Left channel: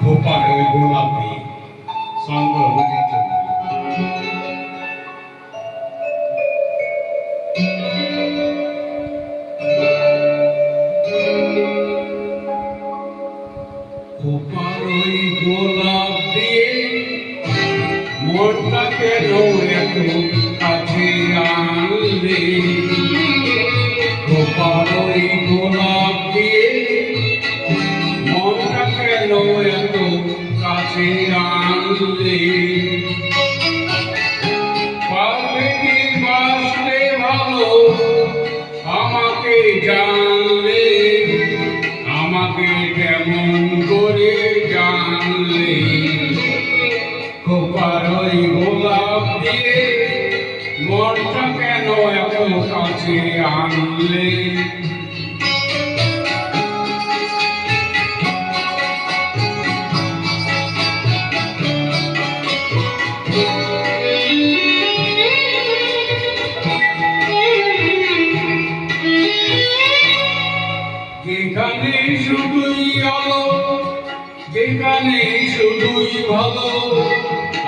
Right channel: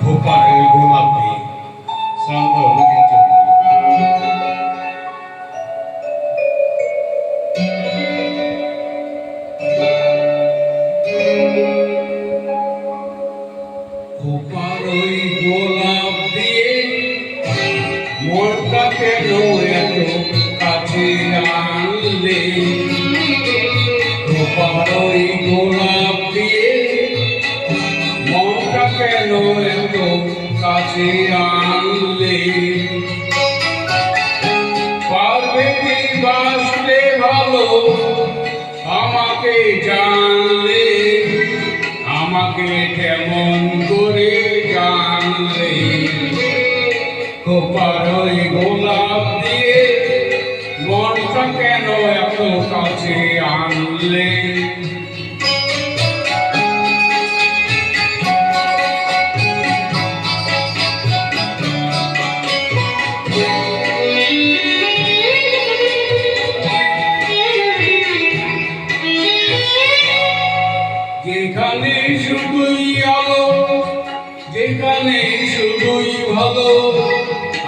খোপার গোলাপি সংগ্রহের জন্য খোপার ওই গোলাপ দিয়ে মনটা কেন এত কাছে আনলে খোপার ওই গোলাপ দিয়ে মনটা কেন এত কাছে আনলে পারবে কি বাসলে ভালো আমাকে জানলে আমাকে কেমন করে জানলে খোপার ওই গোলাপ দিয়ে মনটা কেন এত কাছে আনলে যেখানে শুধুই আলো যেখানে শুধুই ভালো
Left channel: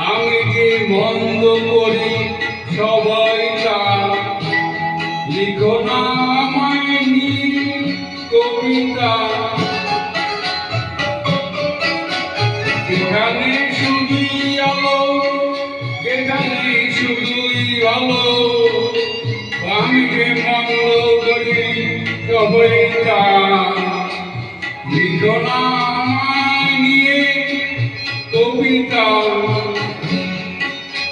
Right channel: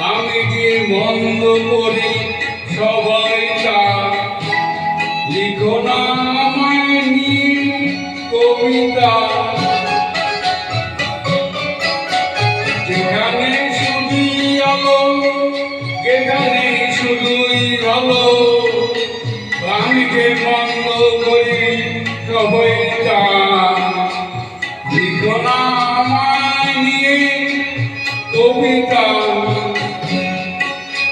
আমি যে মন্দ করি সবাই তা লিখো না আমায় নিয়ে কবিতা যেখানে শুধুই আলো যেখানে শুধুই ভালো আমি যে মন্দ করি সবাই তা লিখো না আমায় নিয়ে কবিতা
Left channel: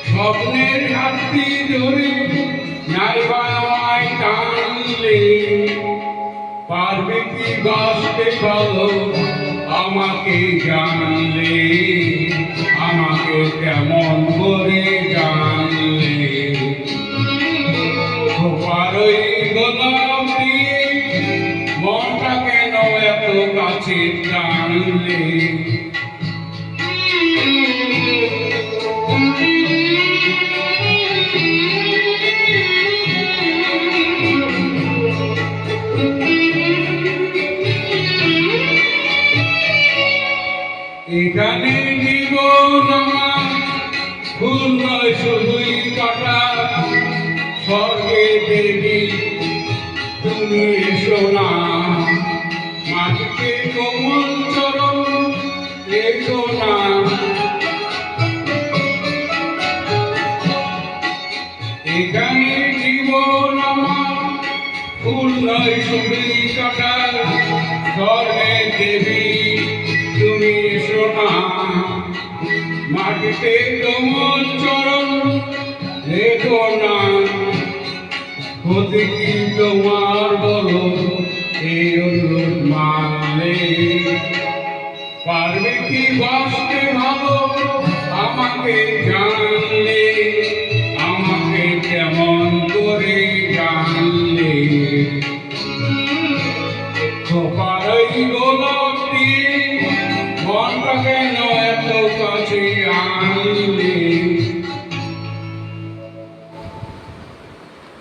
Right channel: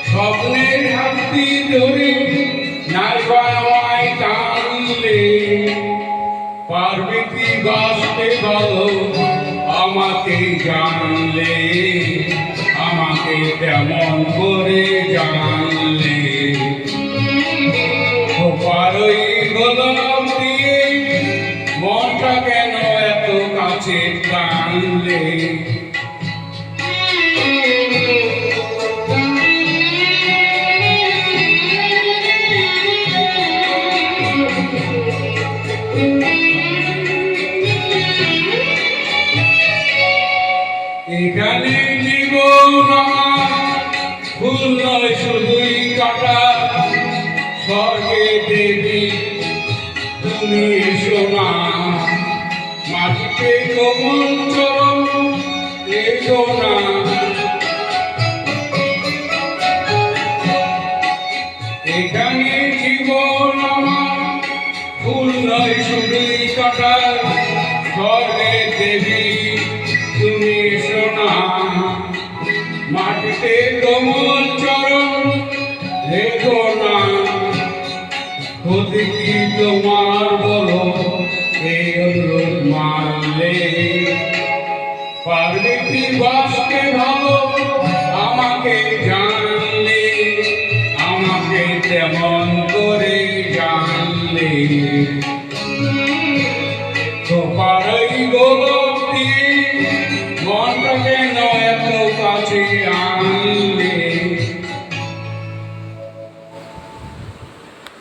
স্বপ্নের হাতটি ধরে নাইবা আমায় টানলে পারবে কি বাসতে ভালো আমাকে জানলে আমাকে কেমন করে জানলে খোপার ওই গোলাপ দিয়ে মনটা কেন এত কাছে টানলে এখানে জীবন আমার ফুল নয় শুধুই কাটা স্বর্গে দেবী তুমি এসো না মাটিতে কোমল চরণ রেখো না এখানে জীবন আমার ফুল নয় শুধুই কাটা স্বর্গে দেবী তুমি এসো না মাটিতে কোমল চরণ রেখো না হতে কি তোমার বলো এই অনুরোধ মানলে পারবে কি বাসতে ভালো আমাকে জানলে আমাকে তেমন করে জানলে খোপার ওই গোলাপ দিয়ে মনটা কেন এত কাছে আন